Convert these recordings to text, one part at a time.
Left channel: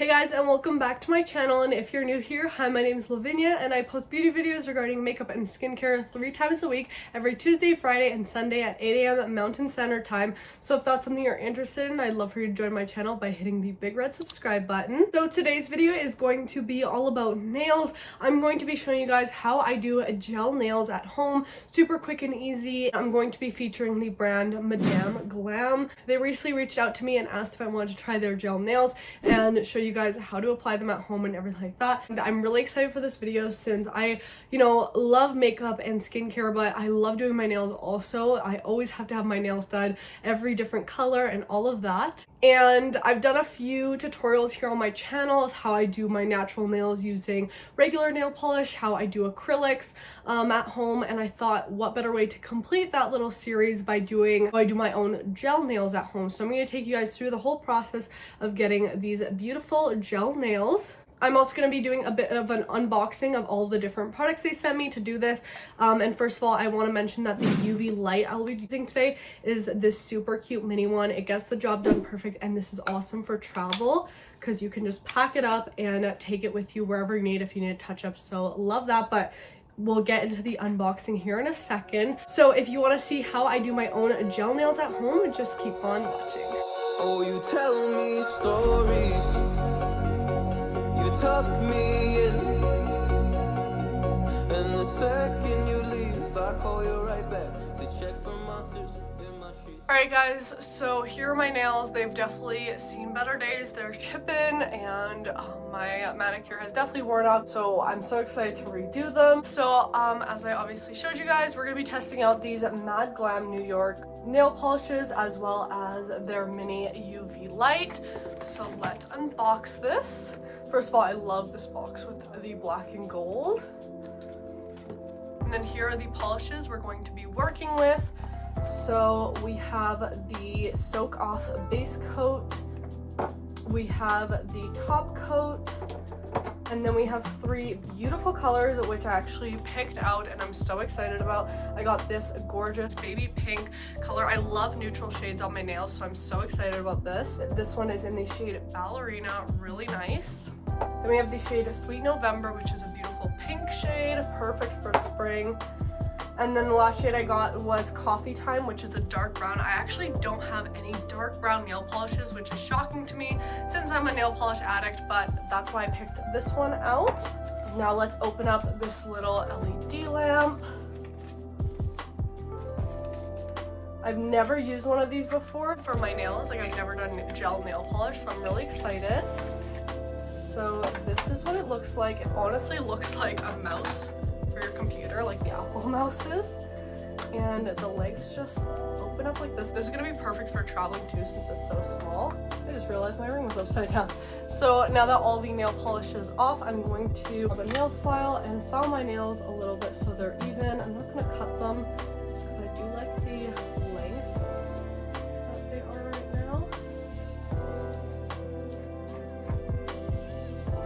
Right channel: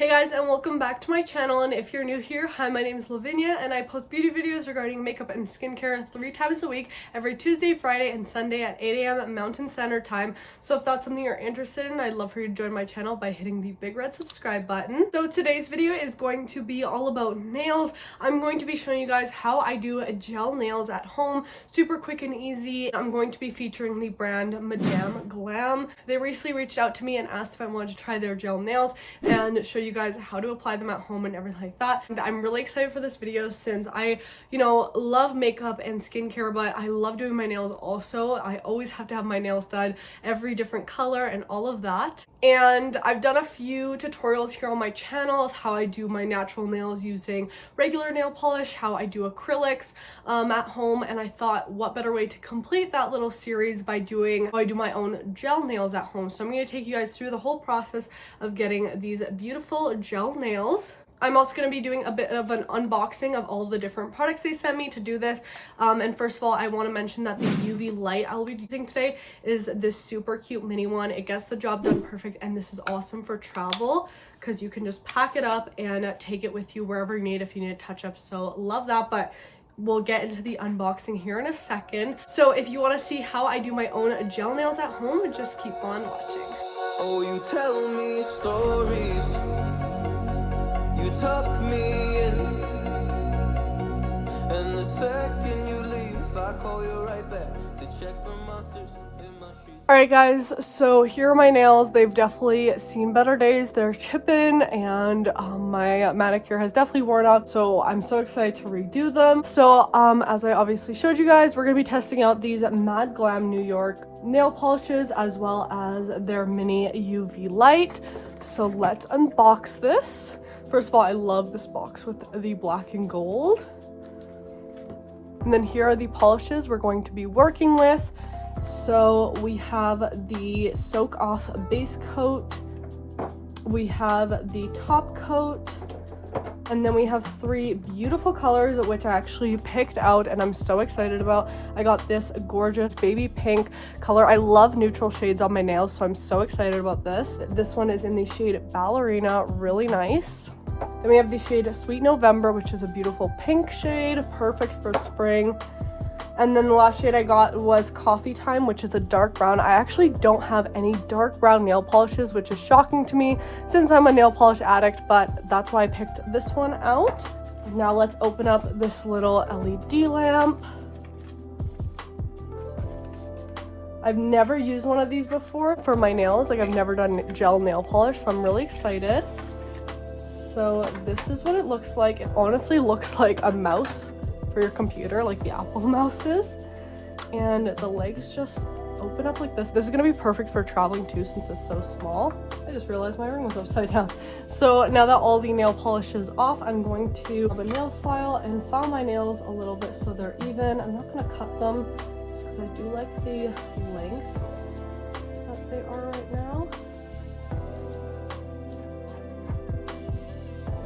Hey guys, and welcome back to my channel. And if you're new here, hi, my name is Lavinia and I post beauty videos regarding makeup and skincare 3 times a week, every Tuesday, Friday, and Sunday at 8 a.m. Mountain Standard Time. So if that's something you're interested in, I'd love for you to join my channel by hitting the big red subscribe button. So today's video is going to be all about nails. I'm going to be showing you guys how I do gel nails at home, super quick and easy. I'm going to be featuring the brand Madam Glam. They recently reached out to me and asked if I wanted to try their gel nails and show you guys how to apply them at home and everything like that. And I'm really excited for this video since I, love makeup and skincare, but I love doing my nails also. I always have to have my nails done every different color and all of that. And I've done a few tutorials here on my channel of how I do my natural nails using regular nail polish, how I do acrylics at home, and I thought what better way to complete that little series by doing how I do my own gel nails at home. So I'm going to take you guys through the whole process of getting these beautiful gel nails. I'm also going to be doing a bit of an unboxing of all the different products they sent me to do this. And first of all, I want to mention that the UV light I'll be using today is this super cute mini one. It gets the job done perfect, and this is awesome for travel because you can just pack it up and take it with you wherever you need if you need a touch-up. So love that, but we'll get into the unboxing here in a second. So if you want to see how I do my own gel nails at home, just keep on watching. Oh, you tell me stories, you tuck me in, and the second you leave, I call you right back to check for monsters in my sheets. Alright guys, so here are my nails. They've definitely seen better days. They're chipping and my manicure has definitely worn out, so I'm so excited to redo them. So as I obviously showed you guys, we're going to be testing out these Madam Glam New York nail polishes as well as their mini UV light. So let's unbox this. First of all, I love this box with the black and gold. And then here are the polishes we're going to be working with. So we have the soak off base coat, we have the top coat, and then we have 3 beautiful colors which I actually picked out and I'm so excited about. I got this gorgeous baby pink color. I love neutral shades on my nails, so I'm so excited about this. This one is in the shade Ballerina, really nice. Then we have the shade Sweet November, which is a beautiful pink shade, perfect for spring. And then the last shade I got was Coffee Time, which is a dark brown. I actually don't have any dark brown nail polishes, which is shocking to me since I'm a nail polish addict, but that's why I picked this one out. Now let's open up this little LED lamp. I've never used one of these before for my nails. Like, I've never done gel nail polish, so I'm really excited. So this is what it looks like. It honestly looks like a mouse for your computer, like the Apple mouses, and the lights just open up like this. This is gonna be perfect for traveling too since it's so small. I just realized my ring was upside down. So now that all the nail polish is off, I'm going to have a nail file and file my nails a little bit so they're even. I'm not gonna cut them just because I do like the length that they are right now.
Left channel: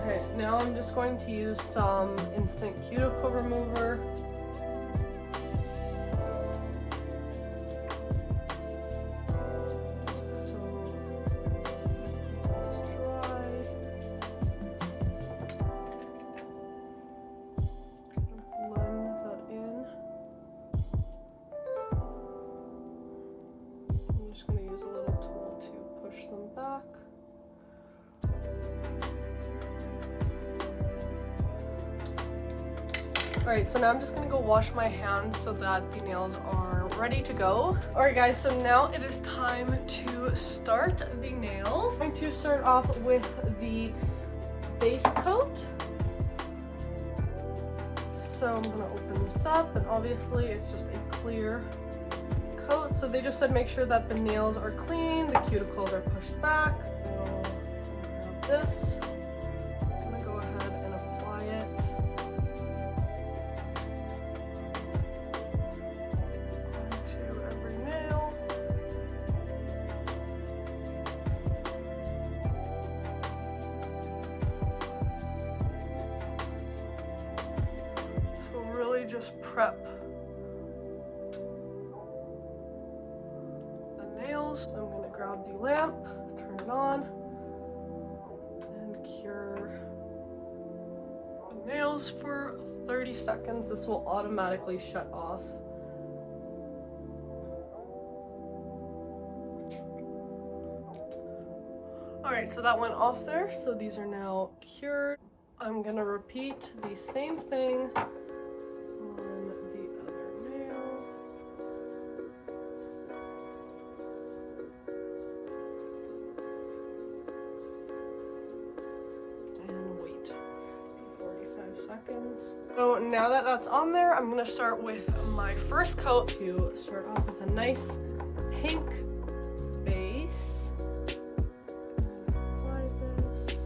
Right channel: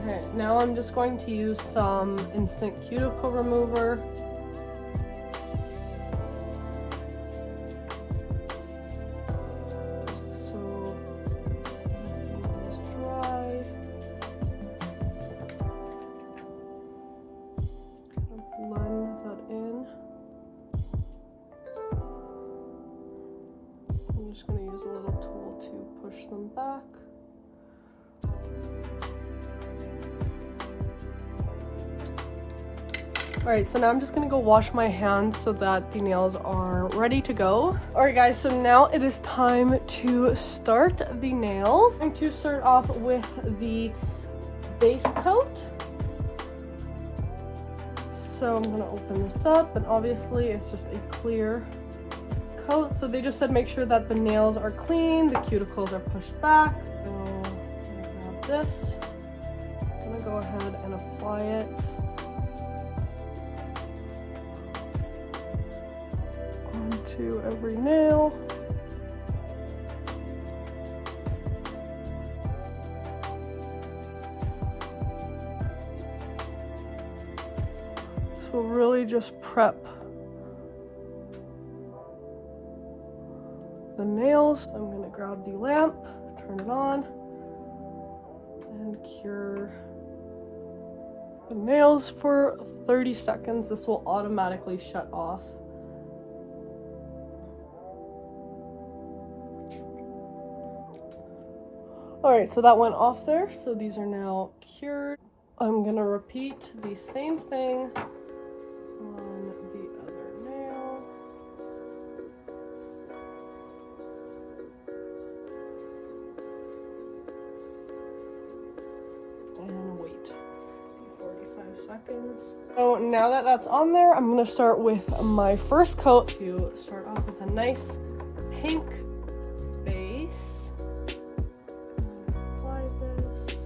Alright, now I'm just going to use some instant cuticle remover. So it's dry. Kind of blend that in. I'm just going to use a little tool to push them back. Alright, so now I'm just gonna go wash my hands so that the nails are ready to go. Alright guys, so now it is time to start the nails. I'm going to start off with the base coat. So I'm gonna open this up, and obviously it's just a clear coat. So they just said make sure that the nails are clean, the cuticles are pushed back. So I'm gonna grab this. I'm gonna go ahead and apply it. Every nail. So we'll really just prep the nails. I'm going to grab the lamp, turn it on, and nails for 30 seconds. This will automatically shut off. Alright, so that went off there. So these are now cured. I'm gonna repeat the same thing on the other nail. And wait 45 seconds. So now that that's on there, I'm gonna start with my first coat to start off with a nice pink base. Apply this.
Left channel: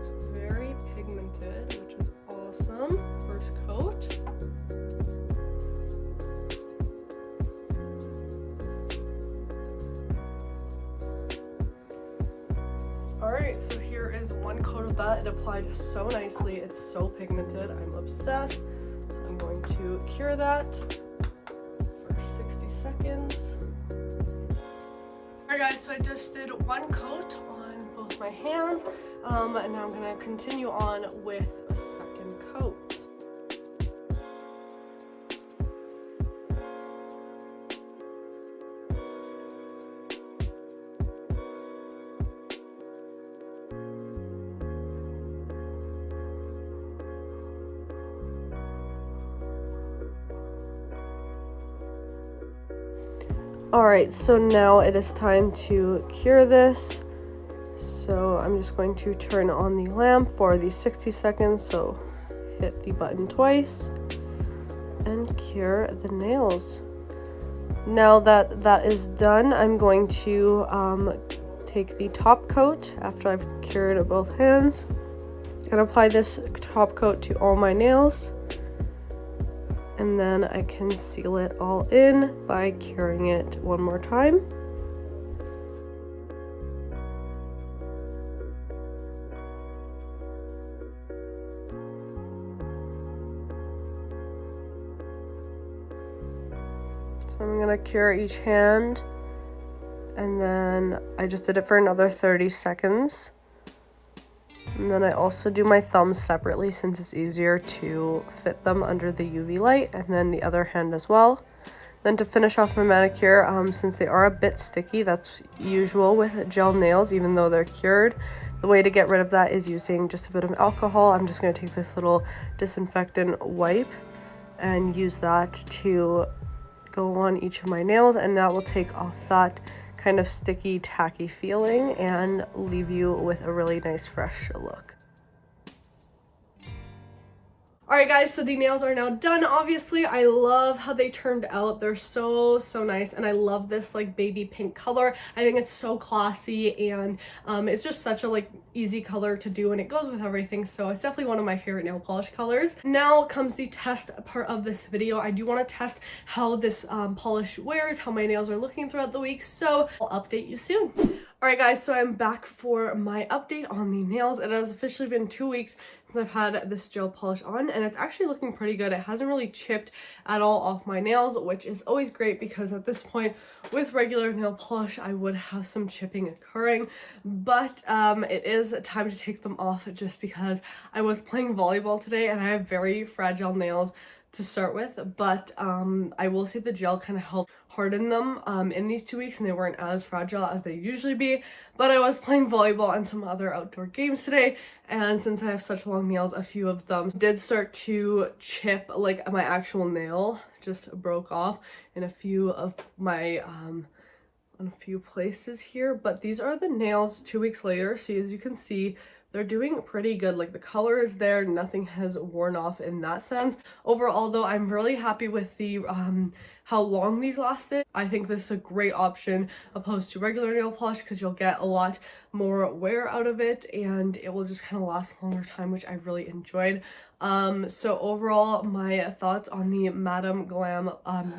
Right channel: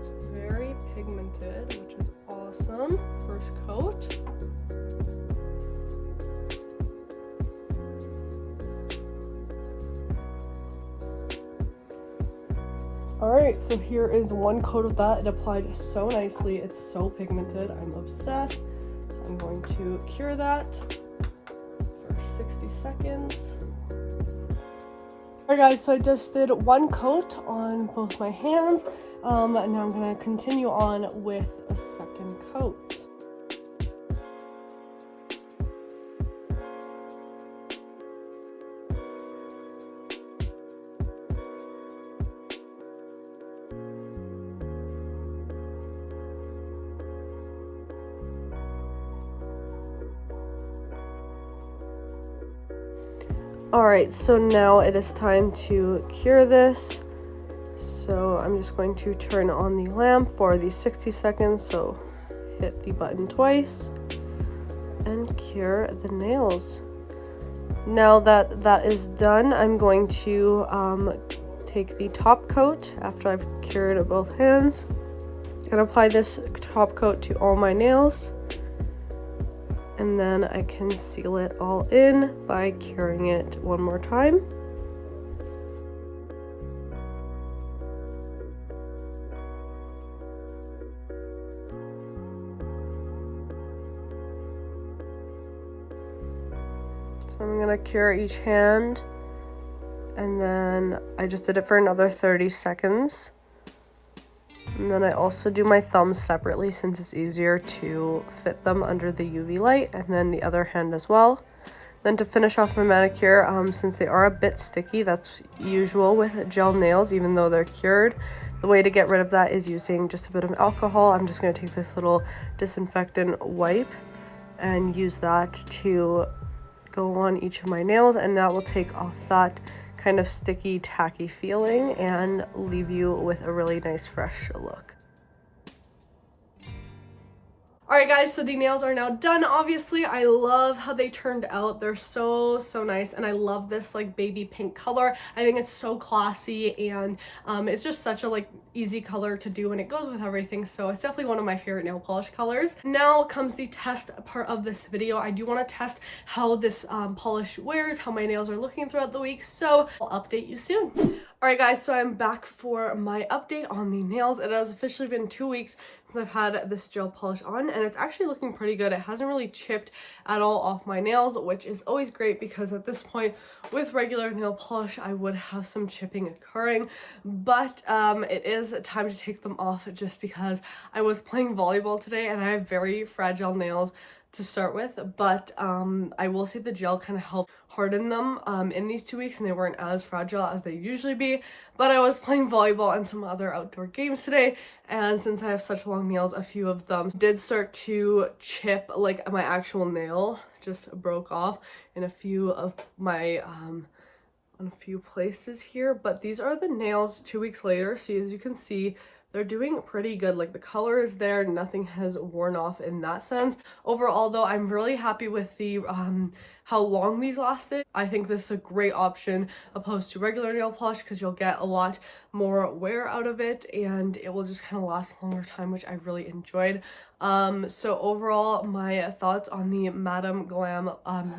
It's very pigmented, which is awesome. First coat. Alright, so here is one coat of that. It applied so nicely. It's so pigmented. I'm obsessed. So I'm going to cure that for 60 seconds. Alright guys, so I just did one coat on both my hands. And now I'm going to continue on with a second coat. Alright, so now it is time to cure this. So I'm just going to turn on the lamp for the 60 seconds. So hit the button twice and cure the nails. Now that that is done, I'm going to take the top coat after I've cured both hands and apply this top coat to all my nails. And then I can seal it all in by curing it one more time. So I'm gonna cure each hand, and then I just did it for another 30 seconds. And then I also do my thumbs separately since it's easier to fit them under the UV light, and then the other hand as well. Then to finish off my manicure, since they are a bit sticky, that's usual with gel nails even though they're cured. The way to get rid of that is using just a bit of alcohol. I'm just going to take this little disinfectant wipe and use that to go on each of my nails, and that will take off that kind of sticky, tacky feeling and leave you with a really nice fresh look. Alright guys, so the nails are now done. Obviously, I love how they turned out. They're so nice, and I love this like baby pink color. I think it's so classy, and it's just such a like easy color to do, and it goes with everything. So it's definitely one of my favorite nail polish colors. Now comes the test part of this video. I do want to test how this polish wears, how my nails are looking throughout the week, so I'll update you soon. Alright guys, so I'm back for my update on the nails. It has officially been 2 weeks since I've had this gel polish on, and it's actually looking pretty good. It hasn't really chipped at all off my nails, which is always great because at this point with regular nail polish I would have some chipping occurring, but it is time to take them off just because I was playing volleyball today and I have very fragile nails to start with, but I will say the gel kind of helped harden them in these 2 weeks, and they weren't as fragile as they usually be. But I was playing volleyball and some other outdoor games today, and since I have such long nails, a few of them did start to chip. Like my actual nail just broke off in a few of my on a few places here, but these are the nails 2 weeks later. So as you can see, they're doing pretty good. Like the color is there, nothing has worn off in that sense. Overall though, I'm really happy with the how long these lasted. I think this is a great option opposed to regular nail polish because you'll get a lot more wear out of it, and it will just kind of last a longer time, which I really enjoyed. So overall, my thoughts on the Madam Glam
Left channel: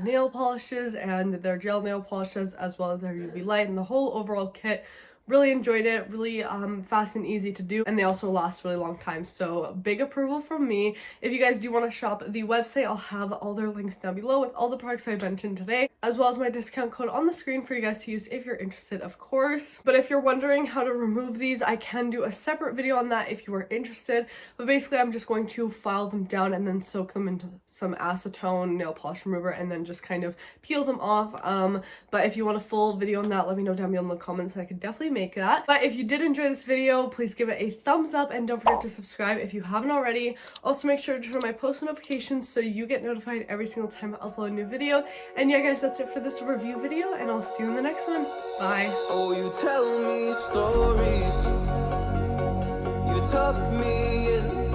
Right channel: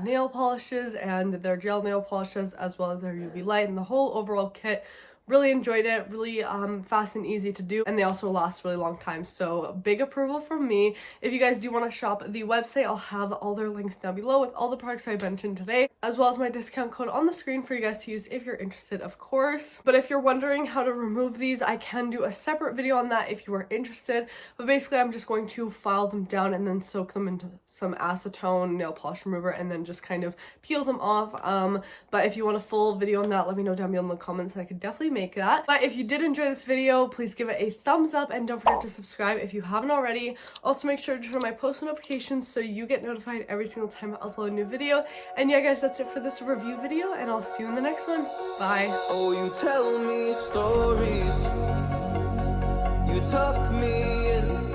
nail polishes and their gel nail polishes, as well as their UV light and the whole overall kit, Really enjoyed it, really fast and easy to do, and they also last a really long time, so big approval from me. If you guys do want to shop the website, I'll have all their links down below with all the products I mentioned today, as well as my discount code on the screen for you guys to use if you're interested, of course. But if you're wondering how to remove these, I can do a separate video on that if you are interested. But basically, I'm just going to file them down and then soak them into some acetone nail polish remover and then just kind of peel them off. But if you want a full video on that, let me know down below in the comments and I could definitely make that. But if you did enjoy this video, please give it a thumbs up and don't forget to subscribe if you haven't already. Also, make sure to turn on my post notifications so you get notified every single time I upload a new video. And yeah, guys, that's it for this review video, and I'll see you in the next one. Bye. Oh, you tell me stories, you tuck me in.